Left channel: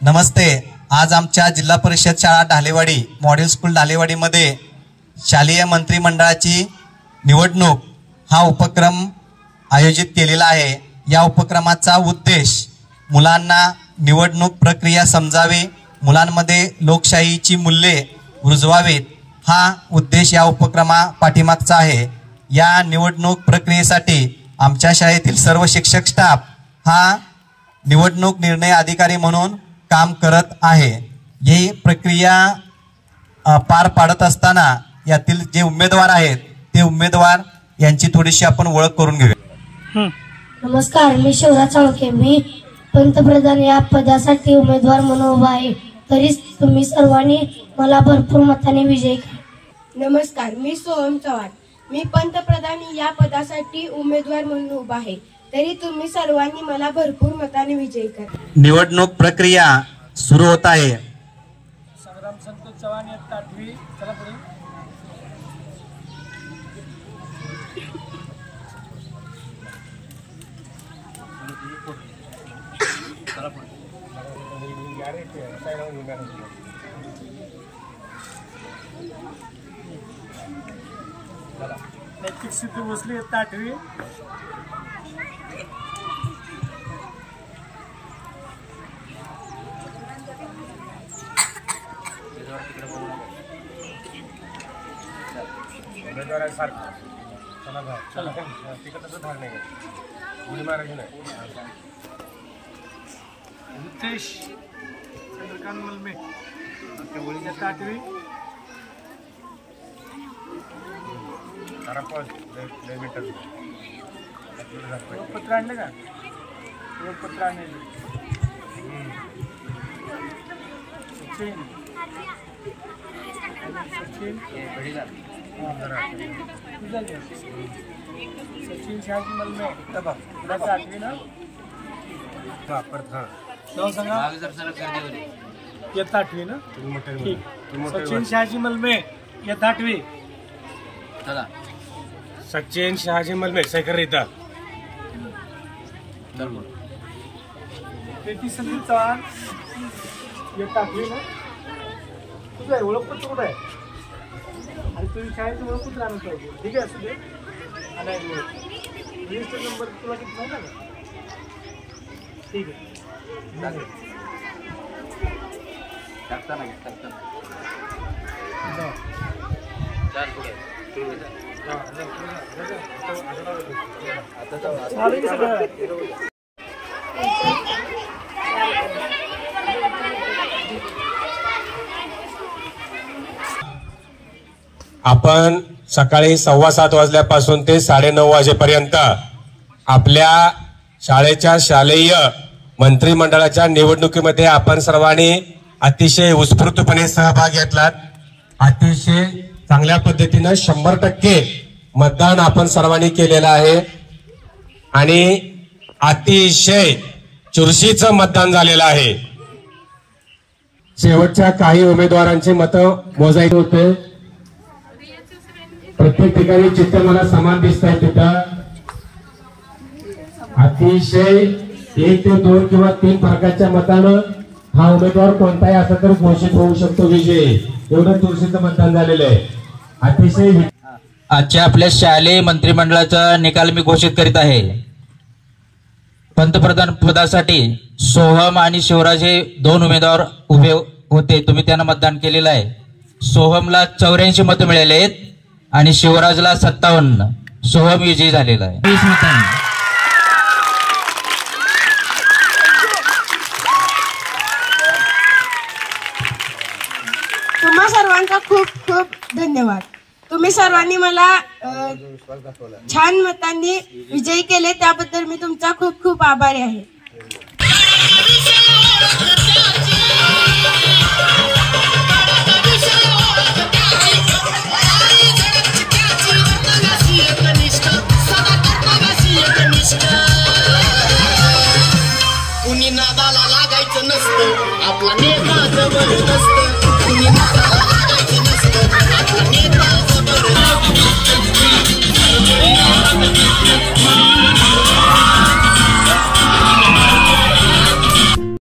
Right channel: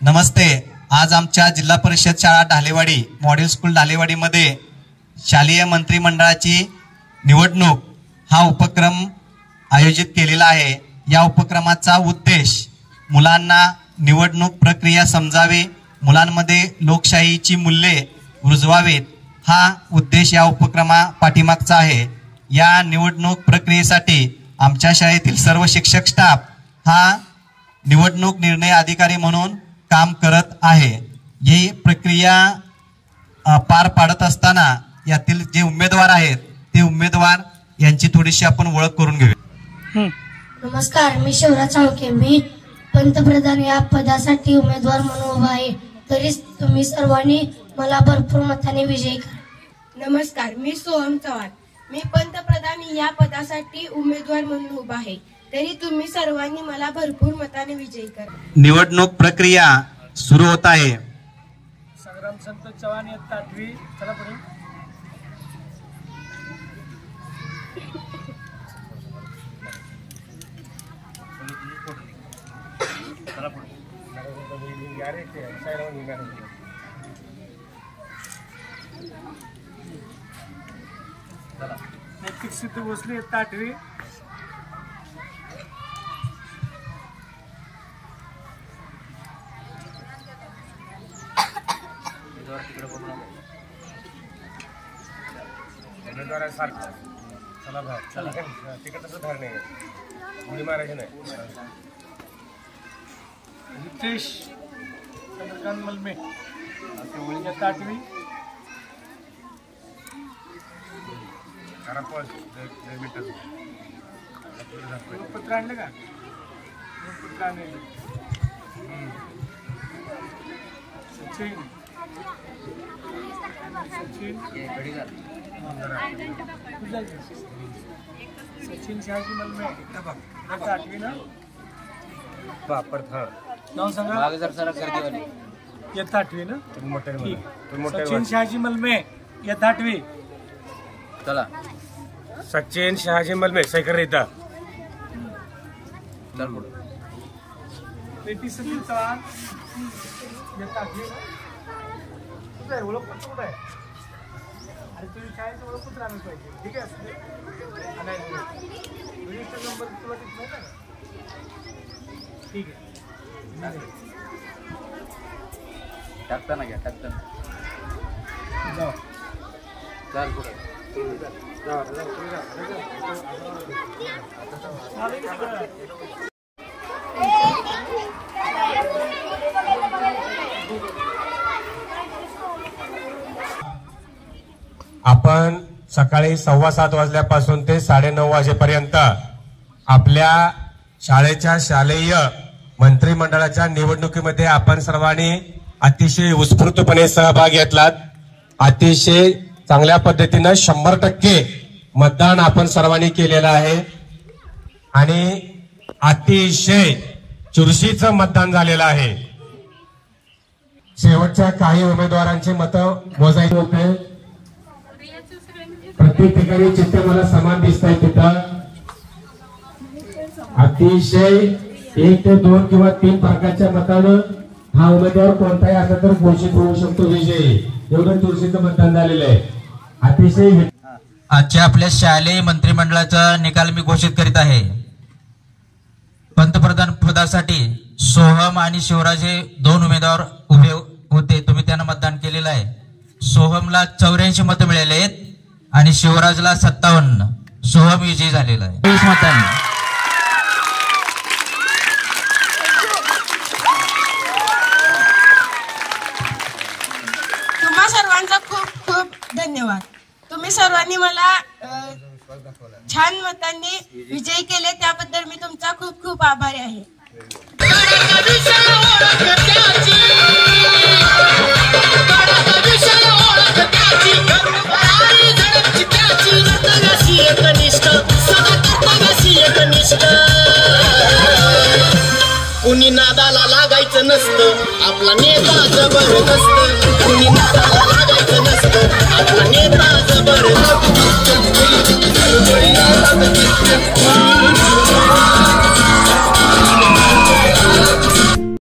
नमस्ते। आज आमच्या जिल्हा परिषद शाळा ढालेवाडी मॉडेल स्कूल ढालेवाडीमध्ये शालेय मंत्रिमंडळाची निवडणूक हा उपक्रम आयोजित केलेला आहे। या उपक्रमाचा उद्देश मुलांना निवडणूक प्रक्रिया समजावे, मुलांमध्ये लोकशाहीची मूल्ये रुजवावीत हा उद्देश या उपक्रमा पाठीमागचा आहे। या निवडणूक प्रक्रियेसाठी आमच्या शाळेतील सर्व शिक्षक स्टाफ हा निवडणूक निर्णय अधिकारी म्हणून काम करत आहे। ही प्रक्रिया पार पाडत असताना यातील जे उमेदवार आहेत ते उमेदवार यांची थोडीशी आपण ओळख करून घेऊया। नमस्कार, मी शिवराज चौके। मी पंतप्रधान या पदासाठी उमेदवार म्हणून उभा आहे, तरी तुम्ही सर्वांनी मला भरपूर मताने विजयी करा। नमस्कार, मी सोहम चव्हाण। मी पंतप्रधान या पदासाठी उमेदवार म्हणून उभा आहे, तरी तुम्ही सर्वांनी मला भरपूर मताने विजयी करा। निवडणूक प्रक्रिया सुरू होत आहे। संग्राम संतोष चव्हाण इयत्ता 8वी। चला पुढे। नैतिक सिद्धी भोसले इयत्ता 8वी। चला बाहेर, चला तिकडचं धार नाही, गोळी मारायची नाही। नितेश चंद्रकांत मलमे इयत्ता 8वी। पत्र आणलं का? पत्र आणलं। सचिन सचिन शहाजी मलमे इयत्ता 8वी ना? नाव सांगा। इयत्ता 8वी ना? सचिन शहाजी मलमे इयत्ता 8वी। चला, सचिन शहाजी मलमे शेखर इथं। प्रीती संदीप चव्हाण इयत्ता 8वी ना? कुठे आहे ओळखपत्र? कुठे आहे? आणि तुम्ही शाळेचं ओळखपत्र आणून पाहिजे, ठीक आहे? असू दे। नाही नंबर तुला किती नाही ना? ठीक आहे, टाकताना घ्या, टाकताना जाऊ। आपण सकाळी 7:15 वाजल्यापासून ते 9:30 वाजेपर्यंत आपल्या शाळेच्या शालेय मंत्रिमंडळाच्या निवडणुकीमध्ये आपण सर्वांनी अतिशय उत्स्फूर्तपणे सहभाग घेतलात। अतिशय चांगल्या पद्धतीने 100% मतदान आपण सर्वांनी केलेलं आहे आणि अतिशय चुरशीचं मतदान झालेलं आहे। शेवटच्या काही उमेदवारांची मतं मोजायची होते। प्रत्येक ठिकाणी चित्र मला समान दिसत आहे। तिथं अतिशय 1 ते 2 किंवा 3 प्रकारच्या मतानं हा उमेदवार कोणताही असा तर घोषित होऊ शकतो विजयी। एवढं चुरशीचं मतदान झालेलं आहे। अतिशय आजच्या आपल्या शालेय मंत्रिमंडळाचा निकाल मी घोषित करीत आहे। पंतप्रधान पदासाठी सोहम आणि शिवराज हे 2 उमेदवार उभे होते, तुम्ही त्यांना मतदान केलेलं आहे। सोहमला 84 मतं मिळाले आहेत आणि शिवराजला 57। सोहम विजयी झालेला आहे 20 मतांनी। तुम्हा सर्वांचा खूप खूप धन्यवाद। तुम्ही सर्वांनी मला छान मतांनी विजयी केले, त्याबद्दल मी तुमचा खूप खूप आभारी आहे। कुणी नादाला लागायचं नसतं, आपला नेता जबरदस्त। कुणी नादाला लागायचं नसतं, आपला नेता जबरदस्त।